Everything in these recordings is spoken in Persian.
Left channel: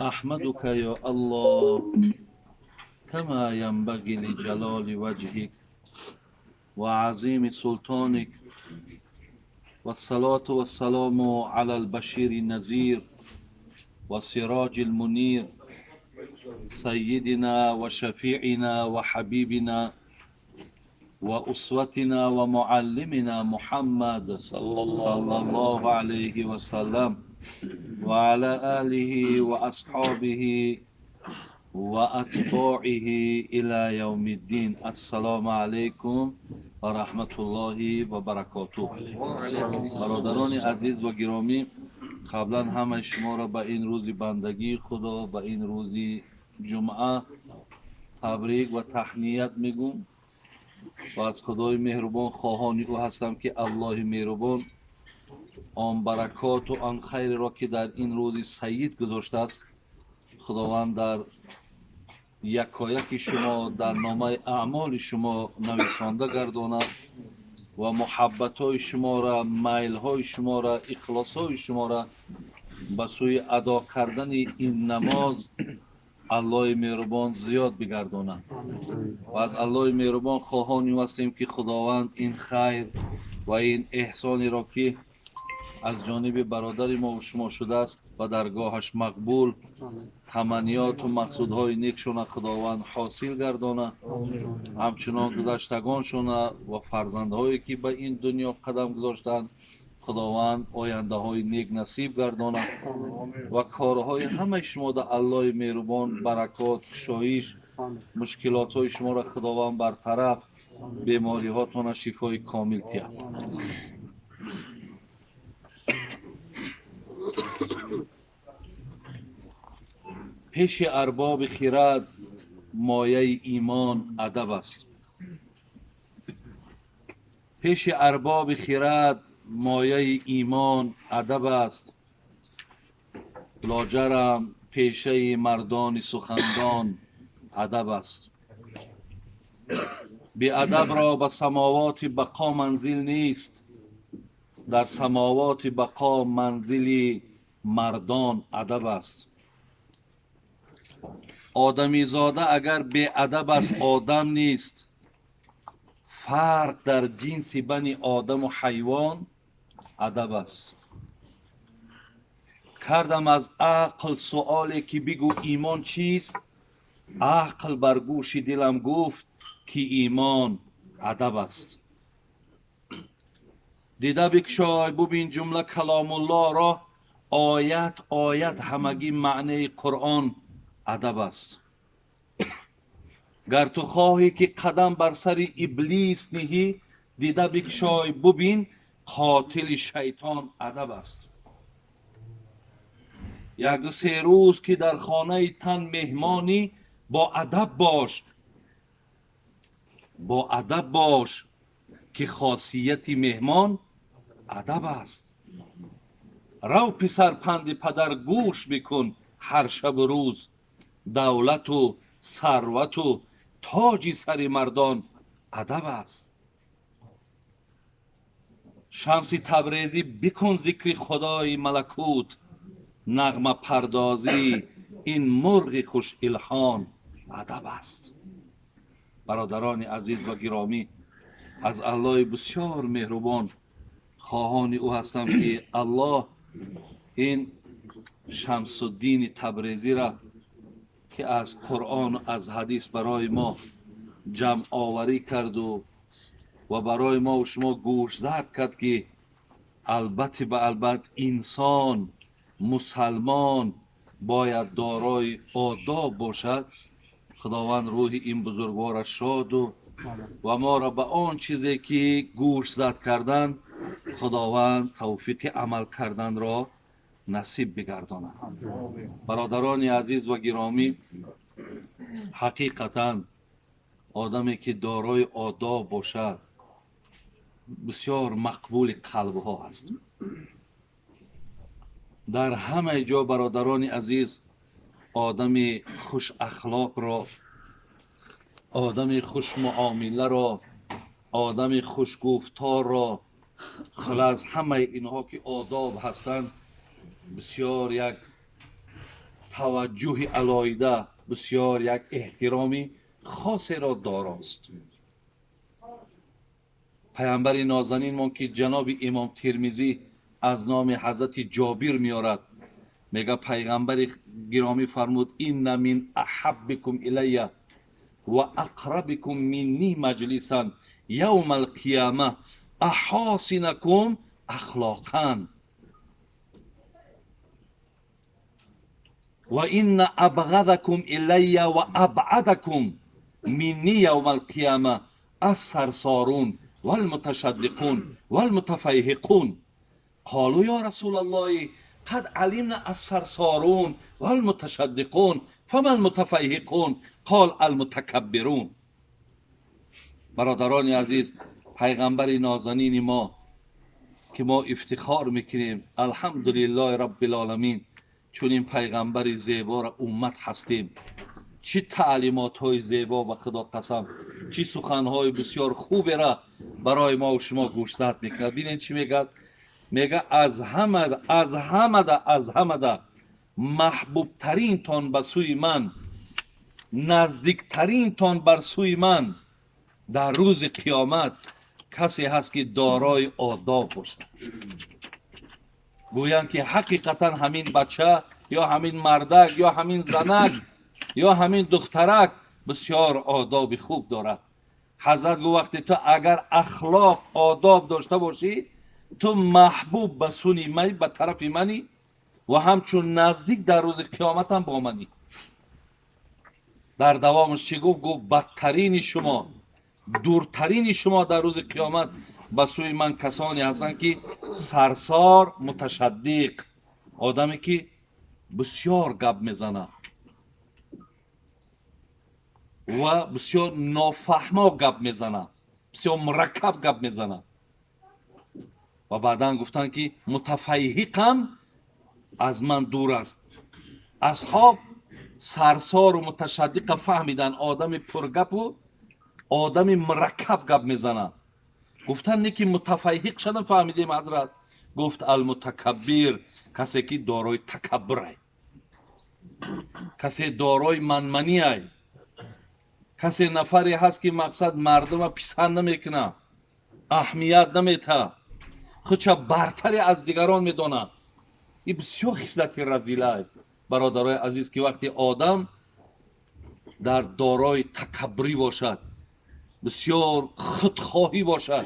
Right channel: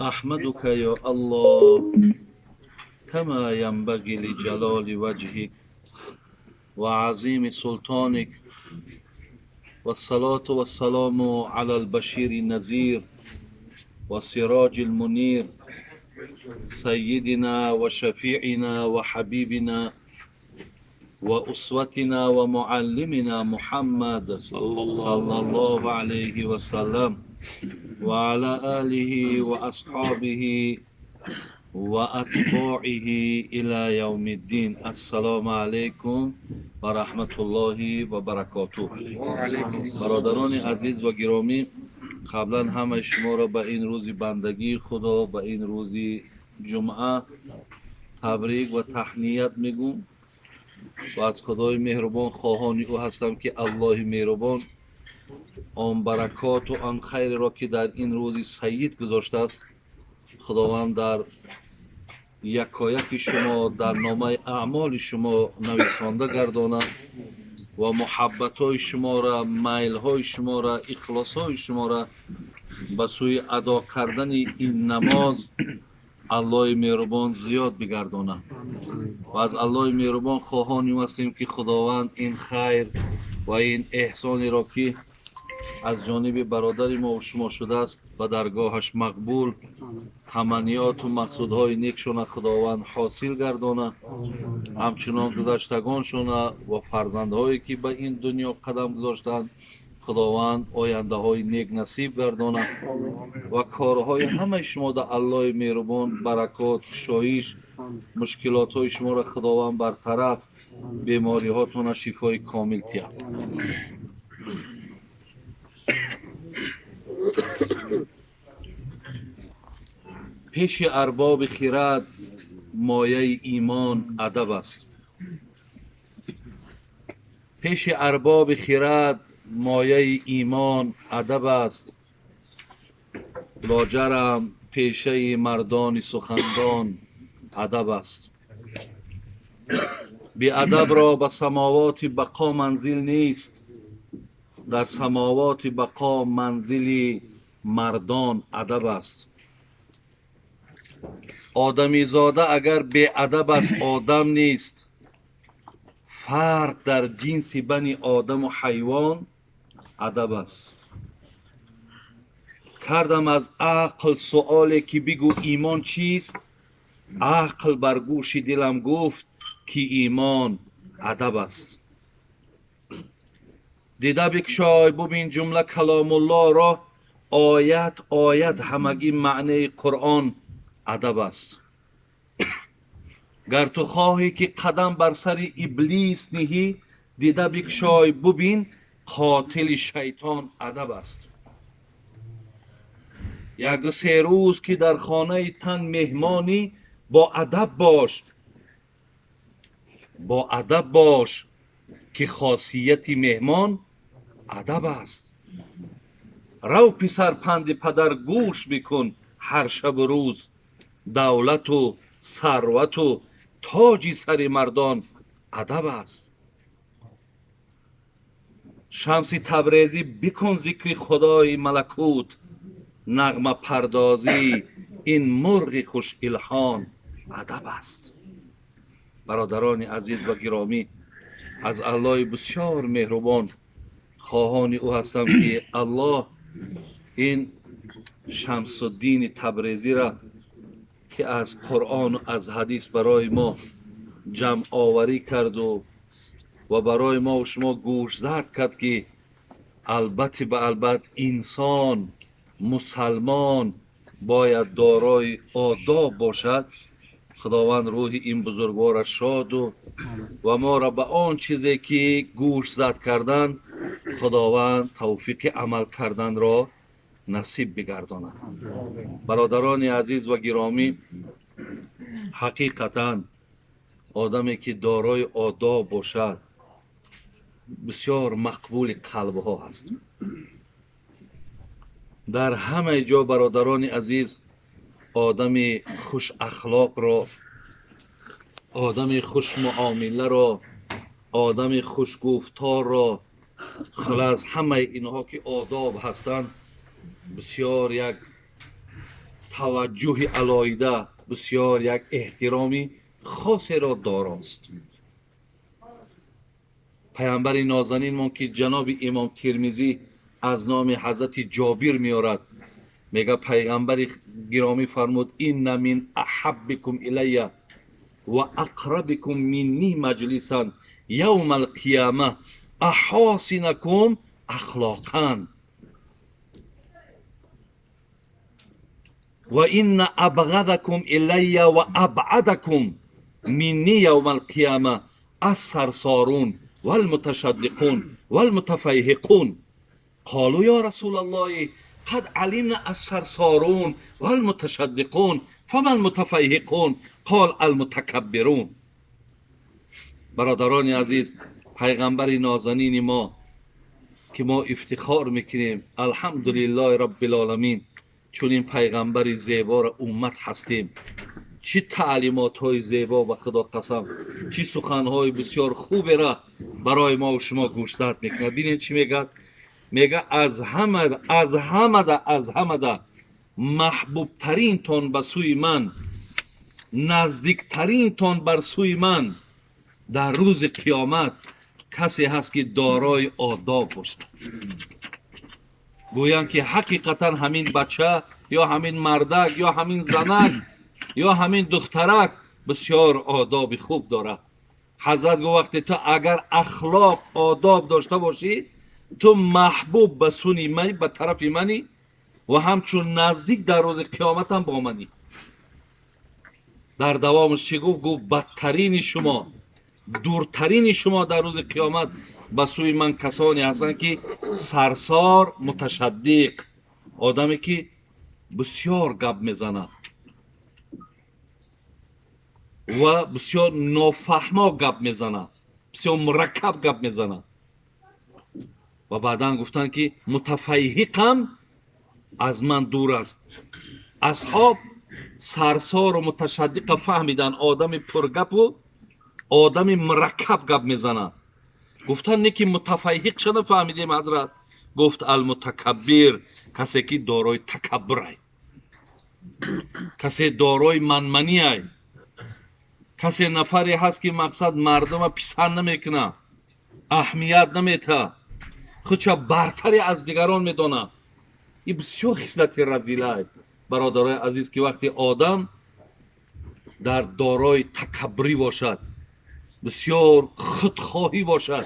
أحمدك يا الله كما ينبغي لجلال وجهك وعظيم سلطانك، والصلاة والسلام على البشير النذير والسراج المنير سيدنا وشفيعنا وحبيبنا وأسوتنا ومعلمنا محمد صلى الله عليه وسلم وعلى آله وأصحابه وأتباعه إلى يوم الدين. السلام عليكم ورحمة الله وبركاته. برادران عزیز و گرامی، قبلا همه شما را به این روز بندگی خدا، به این روز جمعه تبریک و تهنیت میگم و از خدای مهربان خواهان او هستم که الله مهربان آن برکات و آن خیر را که در این روز سعید گذاشته است، خداوند در یکایک شما در نامه اعمال شما نویسنده گرداند و محبت های شما را، میل های شما را، اخلاص های شما را به سوی ادا کردن این نماز الله مهربان زیاد بگرداند. و از الله مهربان خواهان هستیم که خداوند این خیر و این احسانی را که از جانب برادر ما و شما شده است به درگاهش مقبول، تمنیات و مقصودهای نیکشان خداوند حاصل گردانه، همچنان گذشتگانشان و فرزندهایی که به این دنیا قدم گذاشتند خداوند آینده های نیک نصیب گردانه و کارهای همه شما در الله مهربان برکات، کشایش، مشکلات های شما را خداوند برطرف، بیماری هاتون شفای کامل تیه. پیش ارباب خرد مایه ایمان ادب است. پیش ارباب خرد مایه ایمان ادب است. لاجرم پیشه مردان سخندان ادب است. بی ادب را به سماوات بقا منزل نیست، در سماوات بقا منزل مردان ادب است. آدمی زاده اگر بی ادب است آدم نیست. فرق در جنس بنی آدم و حیوان ادب است. کردم از عقل سؤالی که بگو ایمان چیست، عقل بر گوش دلم گفت که ایمان ادب است. دیده بگشای ببین جمله کلام الله را، آیت آیت همگی معنی قرآن ادب است. گر تو خواهی که قدم بر سر ابلیس نهی، دیده بگشای ببین قاتل شیطان ادب است. یک دو سه روز که در خانه تن مهمانی، با ادب باش، با ادب باش که خاصیت مهمان ادب است. رو پسر پند پدر گوش بکن هر شب و روز، دولت و ثروت و تاج سر مردان ادب است. شمس تبریزی بکن ذکر خدای ملکوت، نغمه پردازی این مرغ خوش الحان ادب است. برادران عزیز و گرامی، از الله بسیار مهربان خواهان او هستم که الله این شمس الدین تبریزی را که از قرآن و از حدیث برای ما جمع آوری کرد و برای ما و شما گوش زد کرد که البته به البته انسان مسلمان باید دارای آداب باشد. خداوند روح این بزرگوار شاد و ما را به آن چیزی که گوش زد کردن خداوند توفیق عمل کردن را نصیب بگرداند. برادران عزیز و گرامی، حقیقتا آدمی که دارای آداب باشد بسیار مقبول قلب ها هست. در همه جا برادران عزیز آدم خوش اخلاق را، آدم خوش معامله را، آدم خوش گفتار را، خلاص همه اینها که آداب هستند بسیار یک توجه علایده، بسیار یک احترامی خاصی را داراست. پیامبر نازنین ما که جناب امام ترمذی از نام حضرت جابر میارد، میگه پیغمبر گرامی فرمود این من احبکم الی و اقربکم منی مجلسا یوم القیامه احاسنکم اخلاقا و این ابغضکم الی و ابعدکم منی یوم القیامه السرسارون والمتشدقون والمتفیهقون. قالوا یا رسول الله قد علمنا السرسارون والمتشدقون فما المتفیهقون؟ قال المتکبرون. برادران عزیز، پیغمبر نازنین ما که ما افتخار میکنیم الحمدلله رب العالمین چون این پیغمبر زیبا را امت هستیم، چی تعلیمات های زیبا و خدا قسم چی سخن های بسیار خوبی را برای ما و شما گوشزد میکنه. ببینید چی میگه، میگه از همه ده محبوب ترین تان به سوی من، نزدیک ترین تان بر سوی من در روز قیامت کسی هست که دارای آداب باشد. گویند که حقیقتا همین بچه یا همین مردک یا همین زنک یا همین دخترک بسیار آداب خوب داره. حضرت گو وقتی تو اگر اخلاق آداب داشته باشی تو محبوب به سوی من، به طرف منی و همچون نزدیک در روز قیامت هم با منی. در دوامش چی گفت؟ گفت بدترین شما، دورترین شما در روز قیامت به سوی من کسانی هستند که سرسار، متشدق، آدمی که بسیار گپ میزنه و بسیار نافهما گپ میزنه، بسیار مرکب گپ میزنه. و بعدا گفتن که متفیهقم از من دور است. اصحاب سرسار و متشدق فهمیدن آدم پرگپ و آدم مرکب گپ میزنه. گفتن نه که متفیهق چه فهمیدیم حضرت؟ گفت المتکبر، کسی که دارای تکبر ای، کسی دارای منمنی ای، کسی نفری هست که مقصد مردم پسند نمیکنه، اهمیت نمیته، خودشا برتری از دیگران میدونه. این بسیار خصلت رذیله ای برادرای عزیز که وقتی آدم در دارای تکبری باشد، بسیار خودخواهی باشد،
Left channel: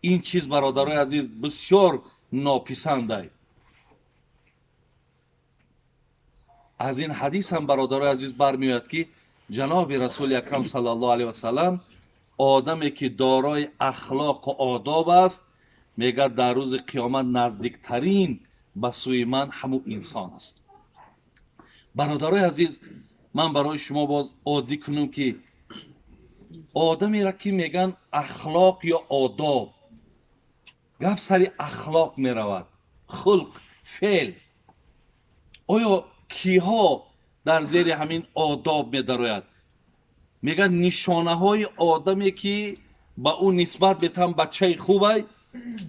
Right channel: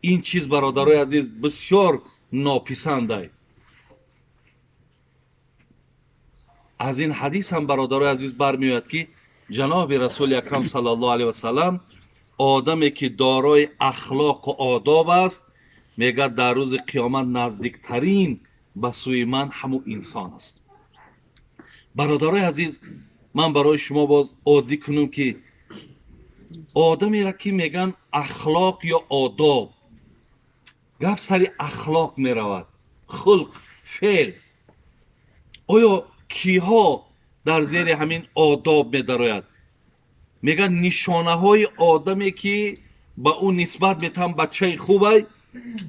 این چیز برادرای عزیز بسیار ناپسنده. از این حدیث هم برادرای عزیز برمیاد که جناب رسول اکرم صلی الله علیه و سلم آدمی که دارای اخلاق و آداب است میگه در روز قیامت نزدیکترین به سوی من همون انسان است. برادرای عزیز، من برای شما باز عادی کنم که آدمی را که میگن اخلاق یا آداب، گپ سری اخلاق میرود، خلق، فعل. آیا کیها در زیر همین آداب میدراید؟ میگن نشانه های آدمی که با اون نسبت میتن بچه خوبه.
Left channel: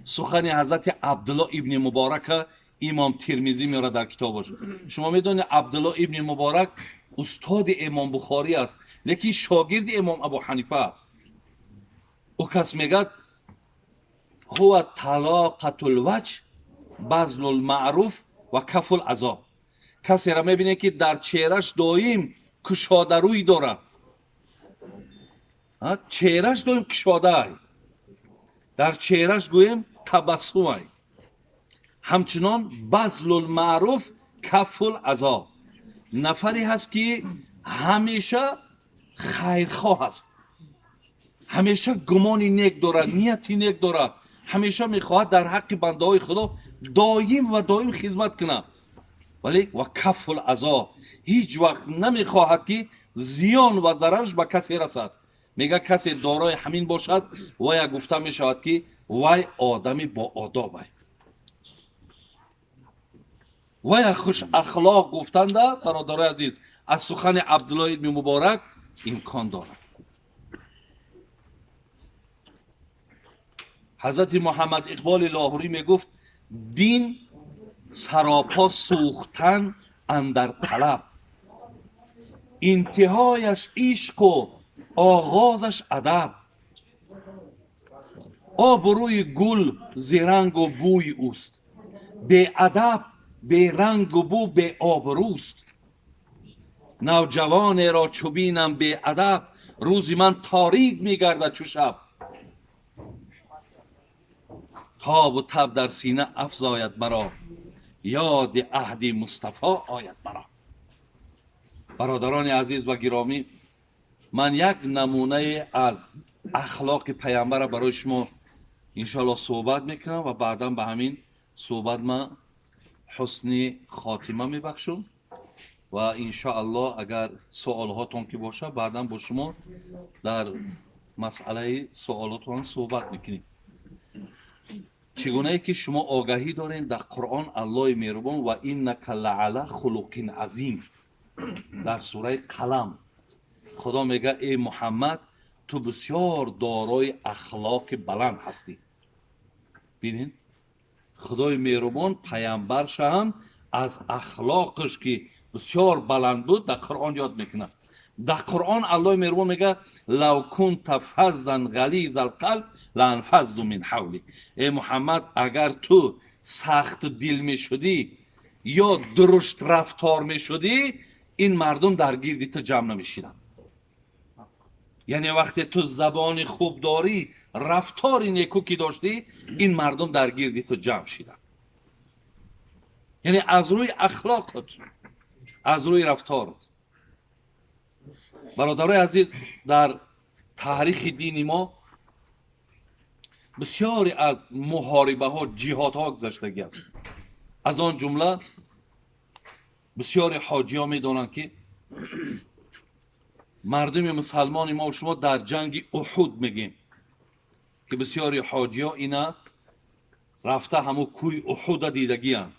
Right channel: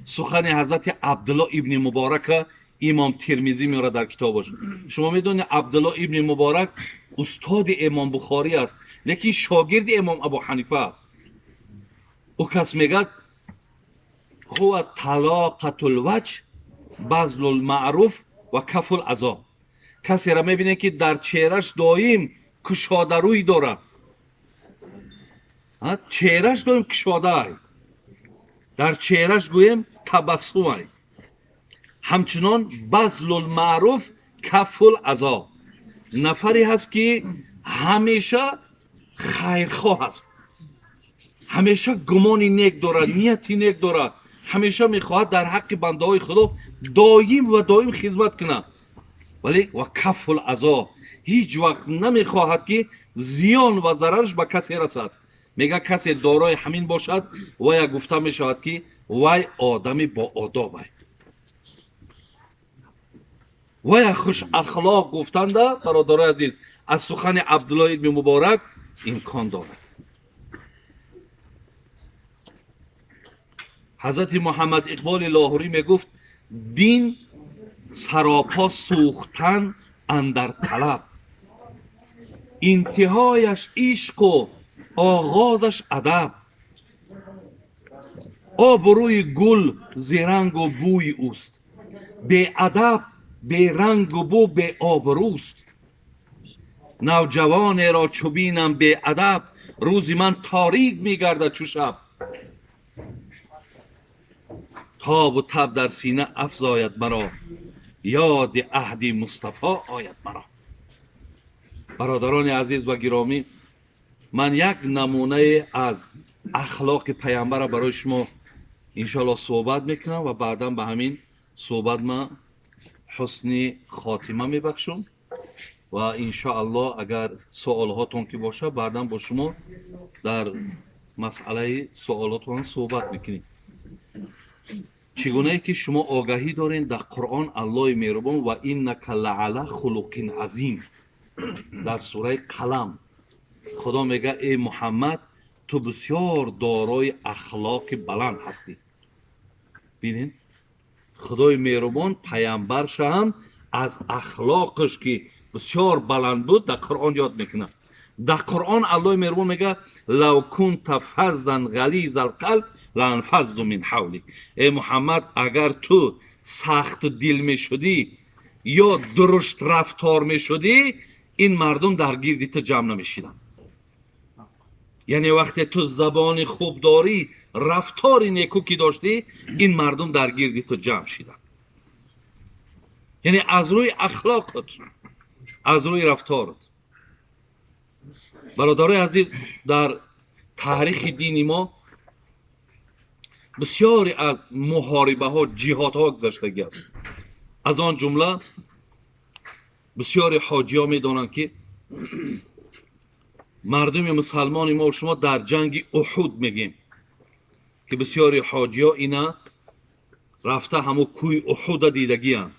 سخن حضرت عبدالله ابن مبارک امام ترمذی میاره در کتابش. شما میدونید عبدالله ابن مبارک استاد امام بخاری است، لیکن شاگرد امام ابو حنیفه است. او کس میگه هو طلاقة الوجه بذل المعروف و کف الاذی. کسی را میبینه که در چهرش دایم کشاده روی داره، چهرش دایم کشاده، در چهرش گویم تبسم، همچنان بذل المعروف کف الاذی. نفری هست که همیشه خیرخواه است، همیشه گمانی نیک داره، نیتی نیک داره، همیشه میخواهد در حق بنده های خدا دایم و دایم خدمت کنه، ولی و کف الاذی، هیچ وقت نمیخواهد که زیان و ضررش به کسی رسد. میگه کسی دارای همین باشد و یا گفته میشود که وای آدمی با آداب است. و یا خوش اخلاق گفتنده برادر عزیز از سخن عبدالله ابن مبارک امکان دارد. حضرت محمد اقبال لاهوری میگفت دین سراپا سوختن اندر طلب. انتهایش عشق و آغازش ادب. آب روی گل ز رنگ و بوی اوست، به ادب به رنگ و بو به آبروست. نوجوان را چو بینم به ادب، روزی من تاریک میگردد چو شب. تاب و تب در سینه افزاید مرا، یاد عهد مصطفی آید مرا. برادران عزیز و گرامی، من یک نمونه از اخلاق پیامبر برای شما انشاءالله صحبت میکنم و بعدا به همین صحبت من حسن خاتمه میبخشم و انشاءالله اگر سوال هاتون که باشه بعدا با شما در مسئله سوالاتون صحبت میکنیم. چگونه ای که شما آگاهی دارین در قرآن الله مهربان و انک لعلی خلق عظیم، در سوره قلم خدا میگه ای محمد تو بسیار دارای اخلاق بلند هستی. ببینین خدای مهربان پیامبرش هم از اخلاقش که بسیار بلند بود در قرآن یاد میکنه. در قرآن الله مهربان میگه لو کنت فظا غلیظ القلب لانفضوا من حولک. ای محمد اگر تو سخت دل میشدی یا درشت رفتار میشدی، این مردم در گردی تو جمع نمیشیدن. یعنی وقتی تو زبان خوب داری، رفتار نیکو که داشتی، این مردم در گردی تو جمع شدن. یعنی از روی اخلاقت، از روی رفتارت. برادرای عزیز، در تاریخ دین ما بسیاری از محاربه ها، جهاد ها گذشتگی است. از آن جمله بسیاری حاجی ها میدانند که مردم مسلمان ما و شما در جنگ احد میگیم که بسیاری حاجی ها اینا رفته همو کوی احد دیدگی هم.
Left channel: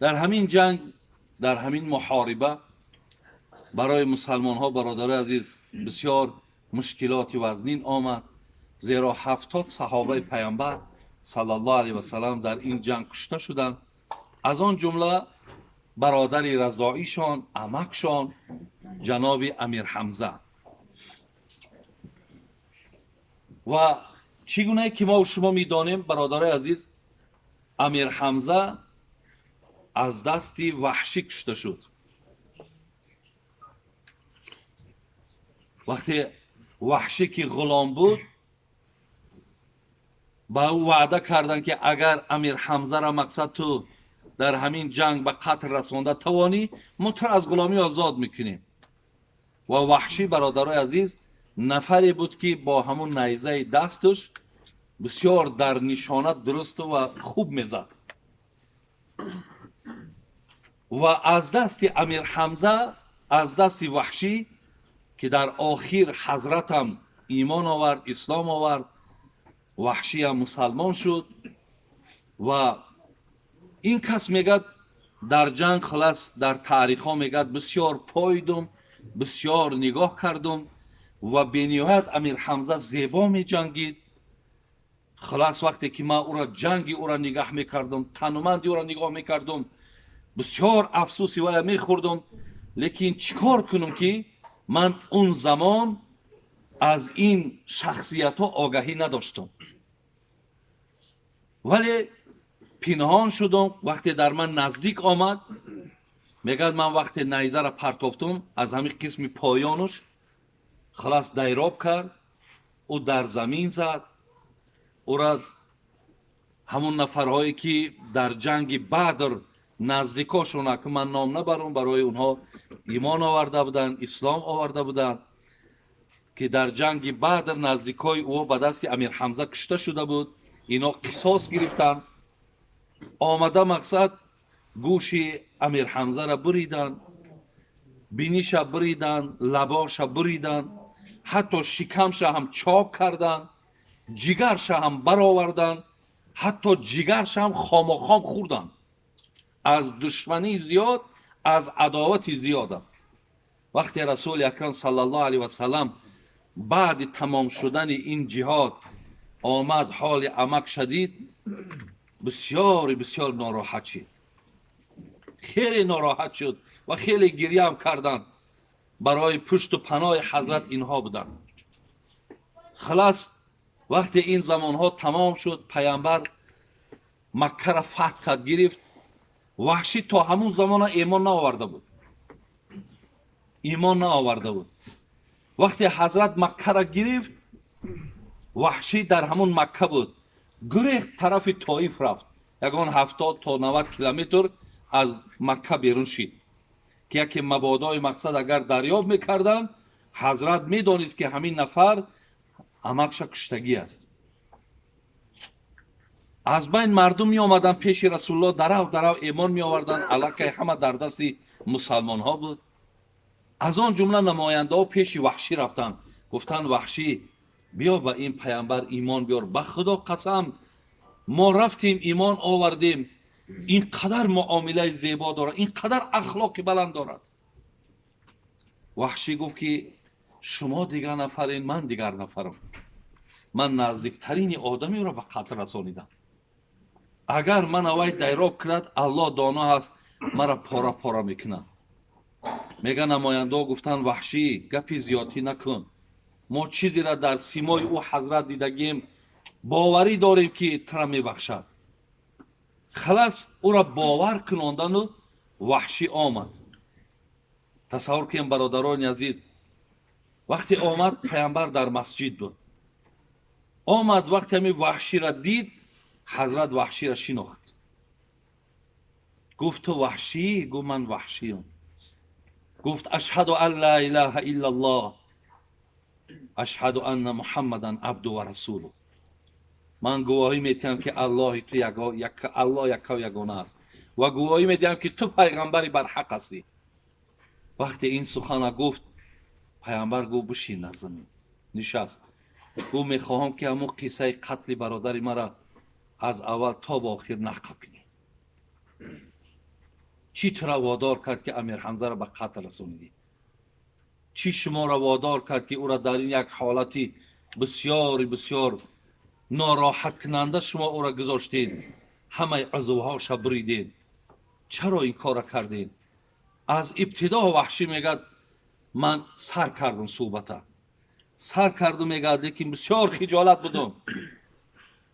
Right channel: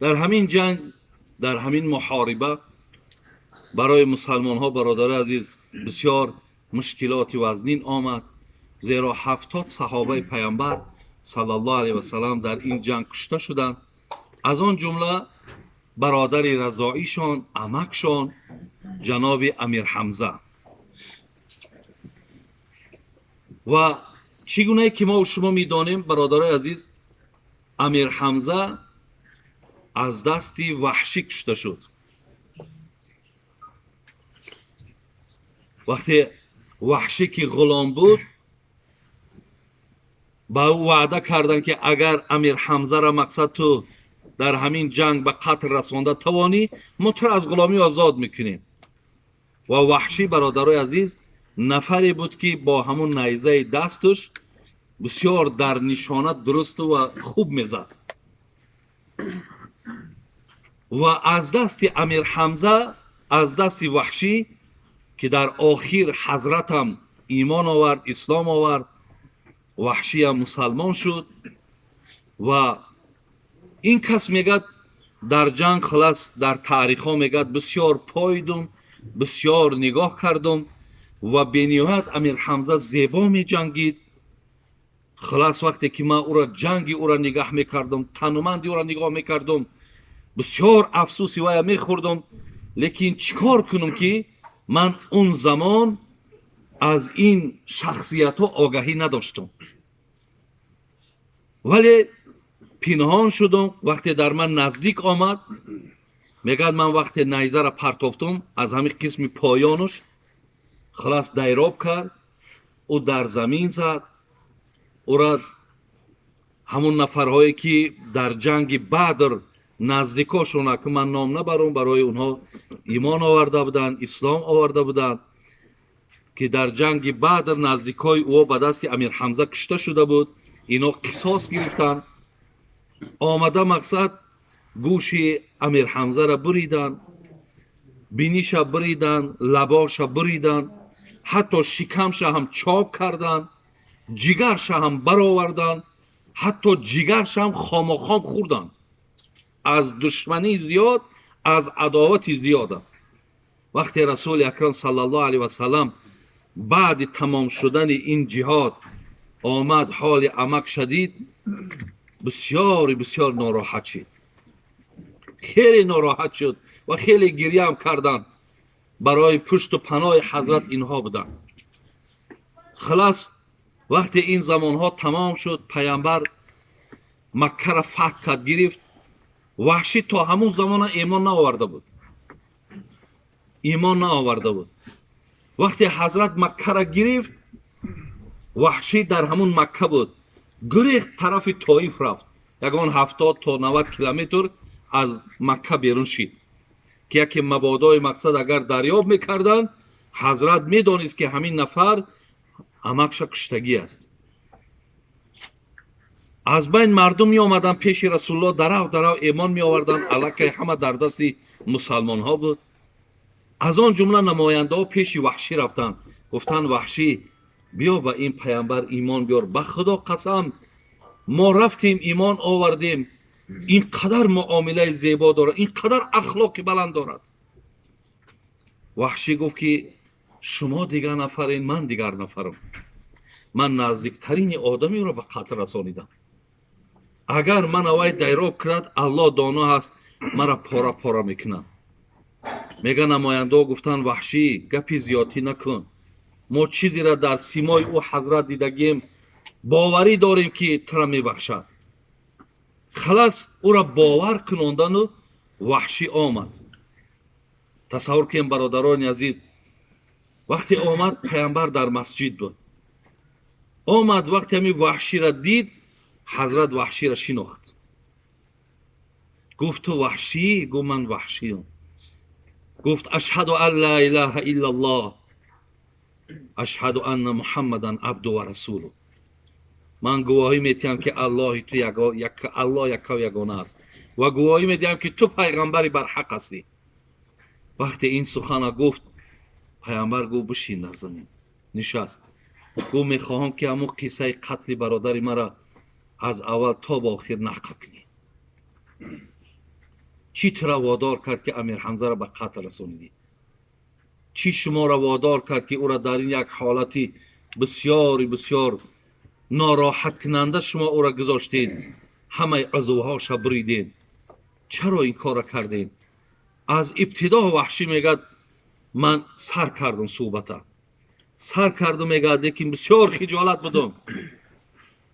در همین جنگ، در همین محاربه برای مسلمان ها برادر عزیز بسیار مشکلات وزنین آمد، زیرا 70 صحابه پیامبر صلی الله علیه و سلم در این جنگ کشته شدند. از آن جمله برادر رضاعیشان، عمکشان جناب امیر حمزه. و چگونه که ما و شما میدانیم برادر عزیز، امیر حمزه از دست وحشی کشته شد. وقتی وحشی که غلام بود با او وعده کردند که اگر امیر حمزه را مقصد تو در همین جنگ به قتل رسانده توانی، ما تو از غلامی آزاد میکنیم. و وحشی برادرای عزیز نفری بود که با همون نیزه دستش بسیار در نشانه درست و خوب میزد. و از دست امیر حمزه، از دست وحشی که در آخر حضرت هم ایمان آورد، اسلام آورد، وحشی هم مسلمان شد. و این کس میگد در جنگ خلاص در تاریخ ها میگد بسیار پایدم، بسیار نگاه کردم و بنیاد امیر حمزه زیبا می جنگید. خلاص وقتی که من او را جنگی او را نگاه میکردم، تنومندی او را نگاه میکردم، بسیار افسوسی وای میخوردم. لیکن چیکار کنم که من اون زمان از این شخصیت ها آگاهی نداشتم، ولی پنهان شدم. وقتی در من نزدیک آمد میگد من وقتی نیزه را پرتافتم از همین قسم پایانش خلاص دیراب کرد، او در زمین زد. او را همون نفرهایی که در جنگ بدر نزدیکاشون که من نام نبرم، برای اونها ایمان آورده بودن، اسلام آورده بودن، که در جنگ بدر نزدیکای او به دست امیر حمزه کشته شده بود، اینا قصاص گرفتن. آمده مقصد گوش امیر حمزه را بریدن، بینیش بریدن، لباش بریدن، حتی شکمش هم چاک کردن، جگرش هم برآوردن، حتی جگرش هم خامخام خوردن. از دشمنی زیاد، از عداوت زیاده. وقتی رسول اکرم صلی الله علیه و سلم بعد تمام شدن این جهاد آمد حال عمک شدید، بسیار بسیار ناراحت شد، خیلی ناراحت شد و خیلی گریه هم کردن. برای پشت و پناه حضرت اینها بودند. خلاص وقتی این زمانها تمام شد، پیامبر مکه را فتح کرد، گرفت. وحشی تا همون زمان ایمان نآورده بود. ایمان نآورده بود. وقتی حضرت مکه را گرفت، وحشی در همون مکه بود. گریخت طرف طائف رفت. یگان 70 تا 90 کیلومتر از مکه بیرون شد که یکی مبادای مقصد اگر دریاب میکردن، حضرت میدانست که همین نفر امکش کشتگی است. از بین مردم می آمدن پیش رسول الله، درو ایمان می آوردن. الکه همه در دست مسلمان ها بود. از آن جمله نماینده ها پیش وحشی رفتن، گفتن وحشی بیا به این پیامبر ایمان بیار، به خدا قسم ما رفتیم ایمان آوردیم، اینقدر معامله زیبا دارد، اینقدر اخلاق بلند دارد. وحشی گفت که شما دیگر نفرین، من دیگر نفرم. من نزدیکترین آدمی را به قتل رسانیدم. اگر من اوی دیراب کرد، الله دانا هست مرا پاره پاره میکنند. میگه نماینده ها گفتن وحشی گپی زیادی نکن، ما چیزی را در سیمای او حضرت دیدگیم، باوری داریم که تو را میبخشد. خلاص او را باور کناندن و وحشی آمد. تصور کنیم برادران عزیز، وقتی آمد پیامبر در مسجد بود. آمد وقتی همین وحشی را دید، حضرت وحشی را شناخت. گفت تو وحشی؟ گفت من وحشیم. گفت اشهد ان لا اله الا الله اشهد ان محمدا عبده و رسوله. من گواهی میدهم که الله تو الله یک و یگانه است و گواهی میدهم که تو پیغمبری بر حق هستی. وقتی این سخن گفت، پیامبر گفت بشین در زمین. نشست. گفت میخواهم که همون قصه قتل برادر مرا از اول تا با آخر نقل کنی. چی تو را وادار کرد که امیر حمزه را به قتل رساندی؟ چی شما را وادار کرد که او را در این یک حالتی بسیار بسیار ناراحت کننده شما او را گذاشتید، همه عضوهاش بریدید؟ چرا این کار را کردید؟ از ابتدا وحشی میگه من سر کردم صحبت، سر کردم میگه، لیکن بسیار خجالت بودم،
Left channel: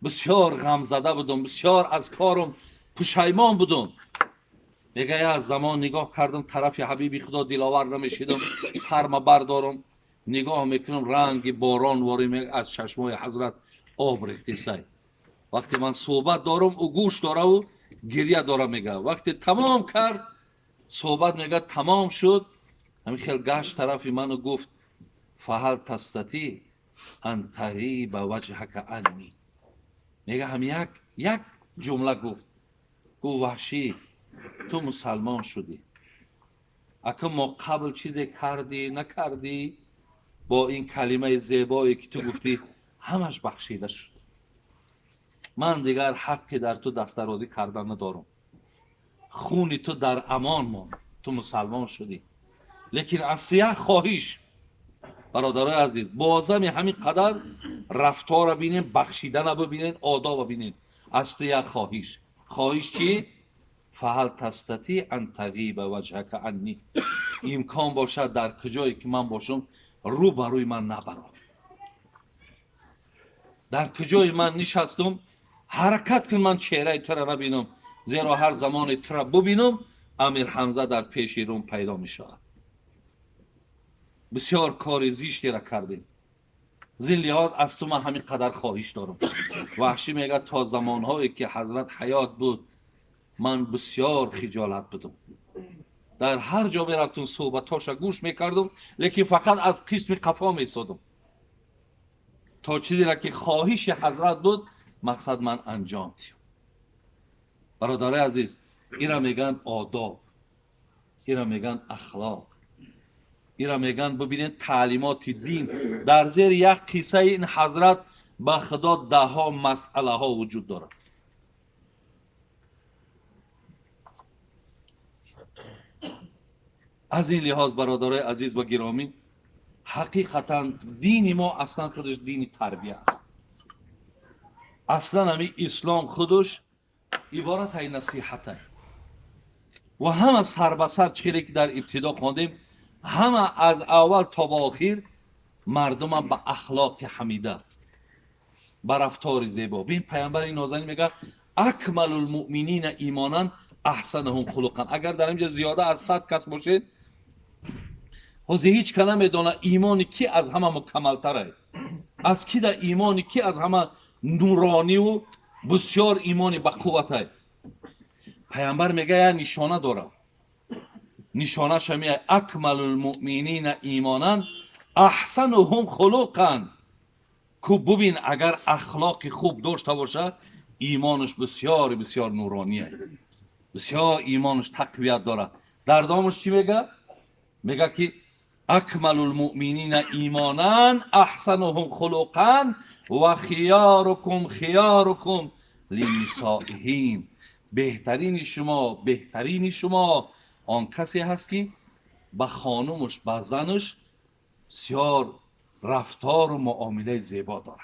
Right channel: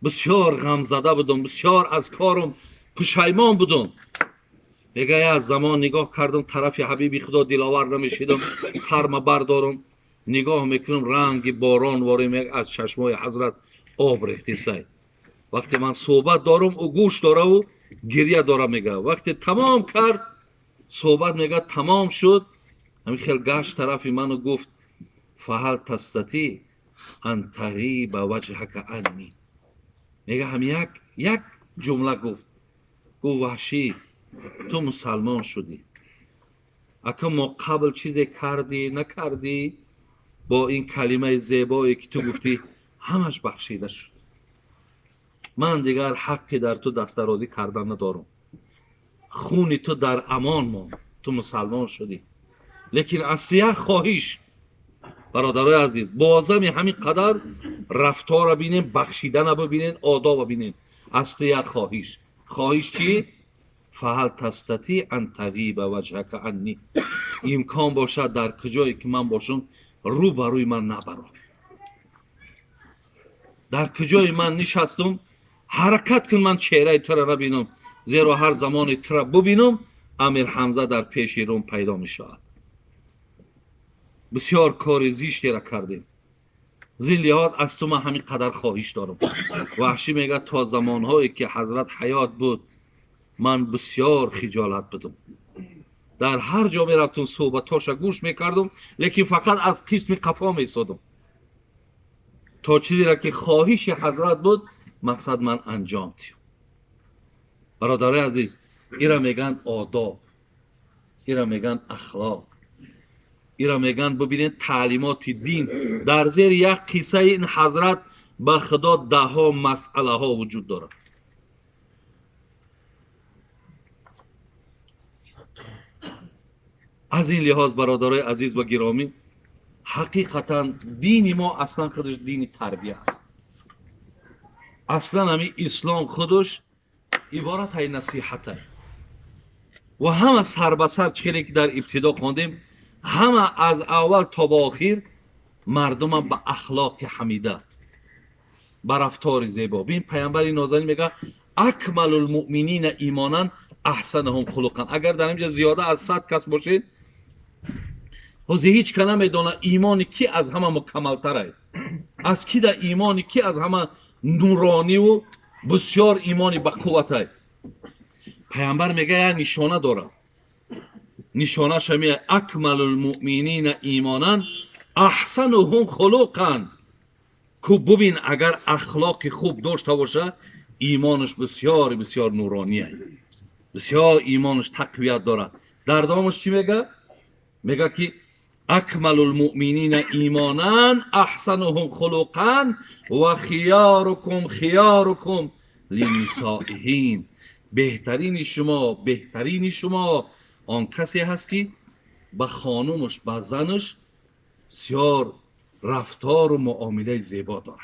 بسیار غم زده بودم، بسیار از کارم پشیمان بودم. میگه از زمان نگاه کردم طرف حبیبی خدا دلاور نمیشیدم، سرم بردارم نگاه میکنم رنگ باران واری از چشمای حضرت آب ریخته سای. وقتی من صحبت دارم او گوش داره و گریه داره. میگه وقتی تمام کرد صحبت، میگه تمام شد، همین خیلی گشت طرف منو گفت فهل تستطیع ان تغیب وجهک عنی. میگه هم یک جمله گفت وحشی تو مسلمان شدی، اگه ما قبل چیزی کردی نکردی، با این کلمه زیبایی که تو گفتی همش بخشیده شد. من دیگر حقی در تو دست درازی کردن ندارم. خون تو در امان ماند، تو مسلمان شدی. لیکن اصلی خواهش برادرای عزیز، بازم همین قدر رفتار را ببینین، بخشیدن را ببینین، آداب را ببینین. اصلی خواهش چی؟ فهل تستطیع ان تغیب وجهک عنی. امکان باشد در کجایی که من باشم رو بروی من نبرو. در کجای من نشستم حرکت کن، من چهره تو را نبینم، زیرا هر زمان تو را ببینم امیر حمزه در پیش روم پیدا می شود. بسیار کار زیشتی را کردیم، زین لحاظ از تو من همین قدر خواهش دارم. وحشی میگه تا زمانهایی که حضرت حیات بود من بسیار خجالت بدم، در هر جا میرفتم صحبتاشا گوش میکردم، لیکن فقط از قسم قفا میسادم تا چیزی را که خواهش حضرت بود مقصد من انجام دیم. برادرای عزیز، ایرا میگن آداب، ایرا میگن اخلاق، ایرا میگن ببینید تعلیمات دین. در زیر یک قصه این حضرت به خدا ده ها مسئله ها وجود دارد. از این لحاظ برادرای عزیز و گرامی، حقیقتا دین ما اصلا خودش دین تربیه است. اصلا همین اسلام خودش عبارت های نصیحته و همه سر به سر چیزی که در ابتدا خواندیم همه از اول تا به آخر مردم به اخلاق حمیده، به رفتار زیبا. ببین پیامبر نازنین میگه اکمل المؤمنین ایمانا احسنهم خلقا. اگر در اینجا زیاده از 100 کس باشید، حوزه هیچ کنه میدونه ایمانی کی از همه مکمل تره، از کی در ایمانی کی از همه نورانی و بسیار ایمانی با قوته. پیامبر میگه نشانه داره، نشانه شمیه اکمل المؤمنین ایمانا احسنهم خلقا. که ببین اگر اخلاق خوب داشته باشه ایمانش بسیار بسیار نورانیه، بسیار ایمانش تقویت داره. در دامش چی میگه؟ میگه که اکمل المؤمنین ایمانا احسنهم خلقا و خیارکم خیارکم لنسائهم. بهترین شما آن کسی هست که به خانومش به زنش بسیار رفتار و معامله زیبا داره.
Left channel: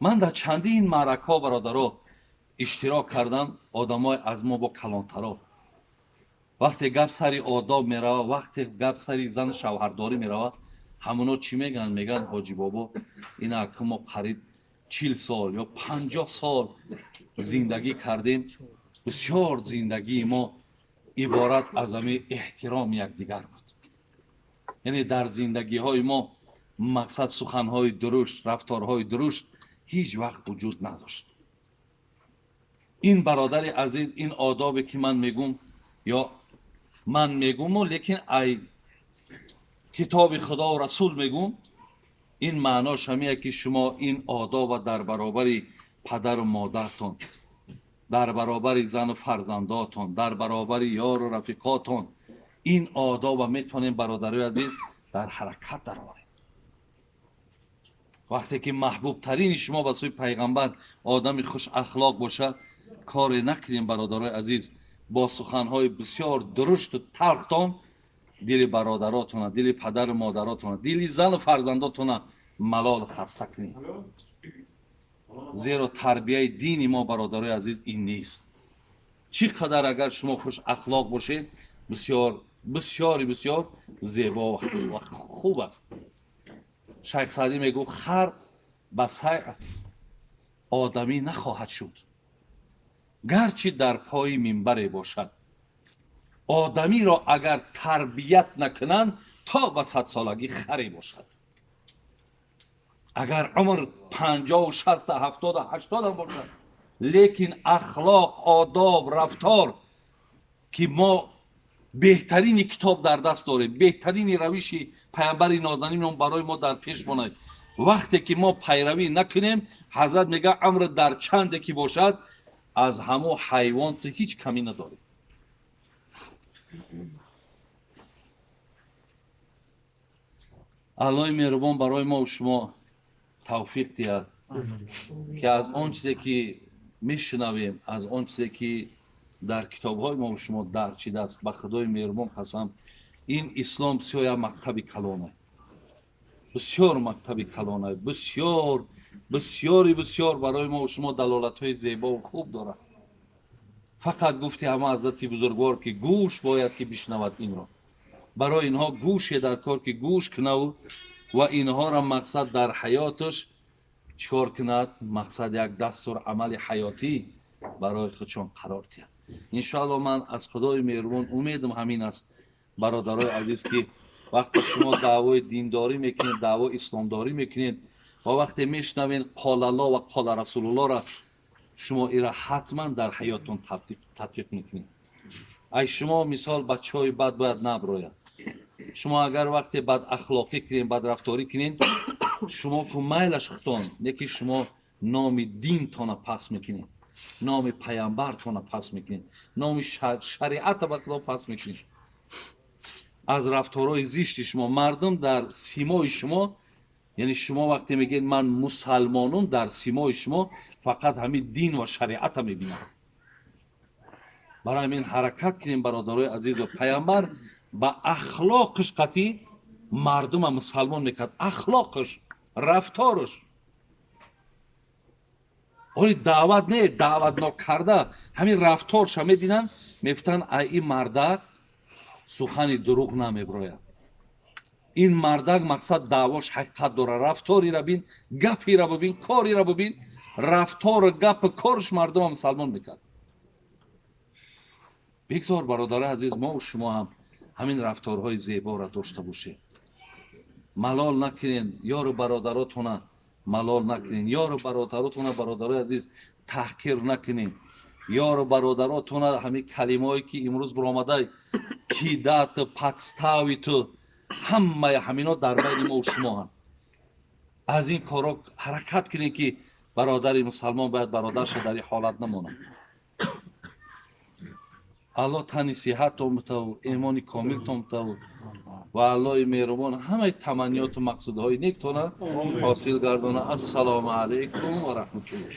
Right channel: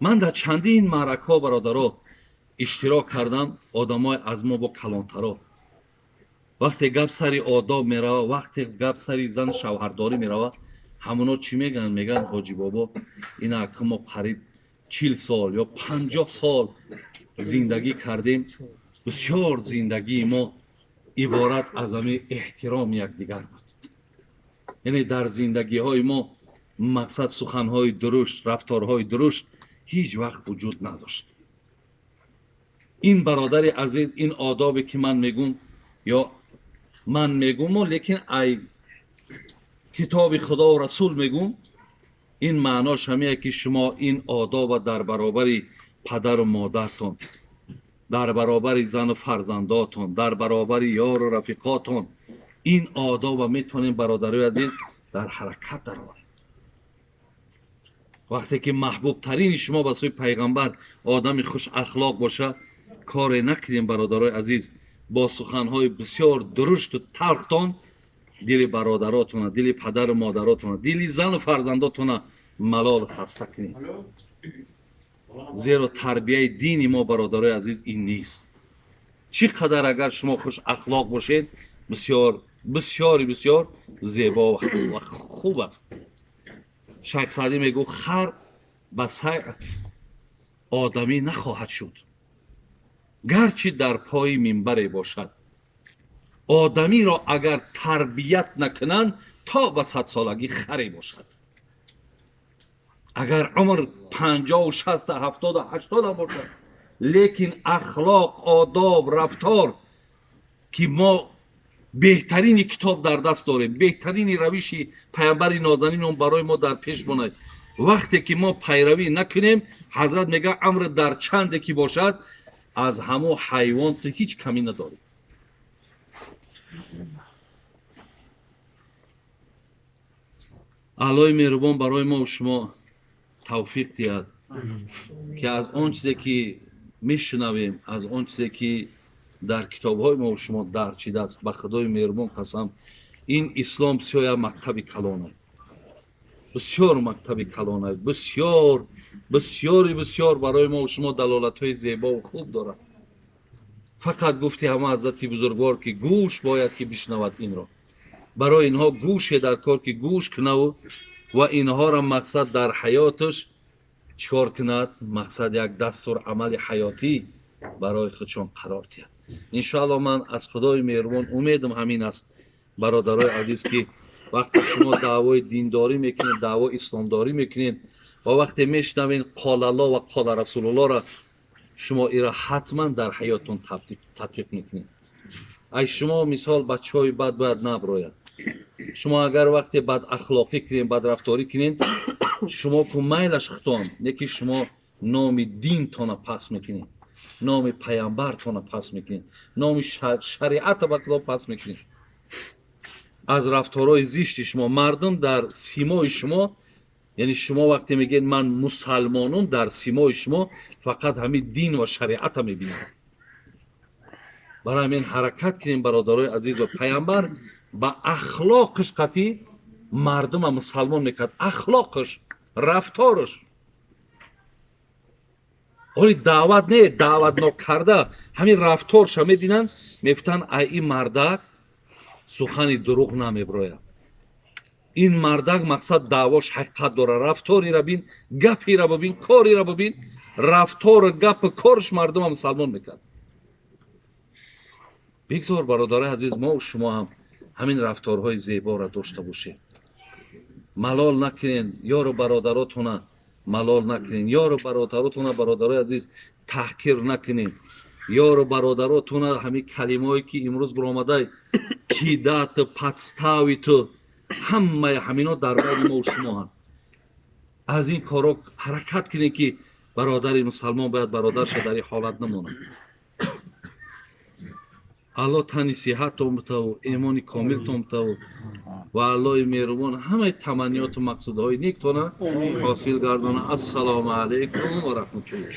من در چندین معرکه ها برادرها اشتراک کردم. آدمای از ما با کلانترا وقتی گپ سری آداب میروه، وقتی گپ سری زن شوهرداری میروه، همونا چی میگن؟ میگن حاجی بابا اینا که ما قریب 40 سال یا 50 سال زندگی کردیم، بسیار زندگی ما عبارت از همین احترام یکدیگر بود. یعنی در زندگی های ما مقصد سخنهای درشت، رفتارهای درشت هیچ وقت وجود نداشت. این برادر عزیز، این آدابی که من میگم یا من میگم لیکن ای کتاب خدا و رسول میگم، این معناش همیه که شما این آداب در برابر پدر و مادرتون، در برابر زن و فرزنداتون، در برابر یار و رفیقاتون، این آداب میتونین برادرای عزیز در حرکت درآورید. وقتی که محبوب ترین شما به سوی پیغمبر آدم خوش اخلاق باشه، کار نکنیم برادرای عزیز با سخنهای بسیار درشت و تلختون دل برادراتون، دل پدر و مادراتون، دل زن و فرزنداتون ملال خسته کنیم. زیرا تربیه دین ما برادرای عزیز این نیست. چقدر اگر شما خوش اخلاق باشید بسیار بسیار بسیار زیبا و خوب است. شیخ سعدی میگو خر به سگ آدمی نخواهد شد گرچه در پای منبر باشد. آدمی را اگر تربیت نکنند تا به 100 سالگی خری باشد. اگر عمر 50 و 60 و 70 و 80 باشد، لیکن اخلاق، آداب، رفتار که ما بهترین کتاب در دست داریم، بهترین روش پیامبر نازنین برای ما در پیش ماند، وقتی که ما پیروی نکنیم، حضرت میگه عمر در چند که باشد از همه حیوان تو هیچ کمی نداریم. الله مهربان برای ما و شما توفیق دهد که از آن چیزی که میشنویم، از آن چیزی که در کتاب‌های ما و شما درک شده است، به خدای مهربان قسم این اسلام بسیار مکتب کلانه، بسیار مکتب کلانه، بسیار بسیار بسیار برای ما و شما دلالت‌های زیبا و خوب داره. فقط گفتی همه حضرت بزرگوار که گوش باید که بشنود این را. برای اینها گوش در کار که گوش کنه و اینها را مقصد در حیاتش چکار کند، مقصد یک دستور عمل حیاتی برای خودشون قرار دهد. انشاءالله من از خدای مهربان امیدم همین است برادرای عزیز که وقتی شما دعوای دینداری میکنید، دعوای اسلامداری میکنید و وقتی میشنوین قال الله و قال رسول الله را، شما ایرا حتما در حیاتون تطبیق میکنید. ای شما مثال بچهای بد باید نبراید. شما اگر وقتی بد اخلاقی کنین، بد رفتاری کنین، شما که میلش خطان یکی شما نام دین تونه پس میکنین، نام پیامبر تونه پس میکنین، نام شریعت بطلا پس میکنین. از رفتارهای زشت شما مردم در سیمای شما، یعنی شما وقتی میگین من مسلمانم، در سیمای شما فقط همین دین و شریعت میبینید. برای من حرکت کنیم برادرای عزیز و پیامبر با اخلاقش قطعی مردم مسلمان میکرد. اخلاقش، رفتارش، ولی دعوت نه، دعوت نکرده همین رفتارش میدینن، میفتن ای مردک сухани дурӯғ намеброяд. ин мардак мақсад даъвош ҳақиқат дорад. рафториро бин, гапиро бибин, кориро бибин. рафтору гапу корш мардума мусалмон мекард. бигзор бародари азиз, мо шумо ҳам ҳамин рафторҳои зеборо дошта бошед. малол накунед ёру бародаротона, малол накунед ёру бародаротона. бародари азиз, таҳқир накунед ёру бародаротона. ҳамин калимаҳое ки имрӯз биромадай кидату подставиту ҳамаи ҳамино дар байни мо шумоам. аз ин корҳо ҳаракат кунед ки бародари мусалмон бояд бародарша дар ин ҳолат намонад. алло тани сиҳатон битаву имони комилтон битаву ва аллои меҳрубон ҳамаи таманниёту мақсудҳои нектона ҳосил гардона. ассалому алайкум ва раҳматуллоҳ.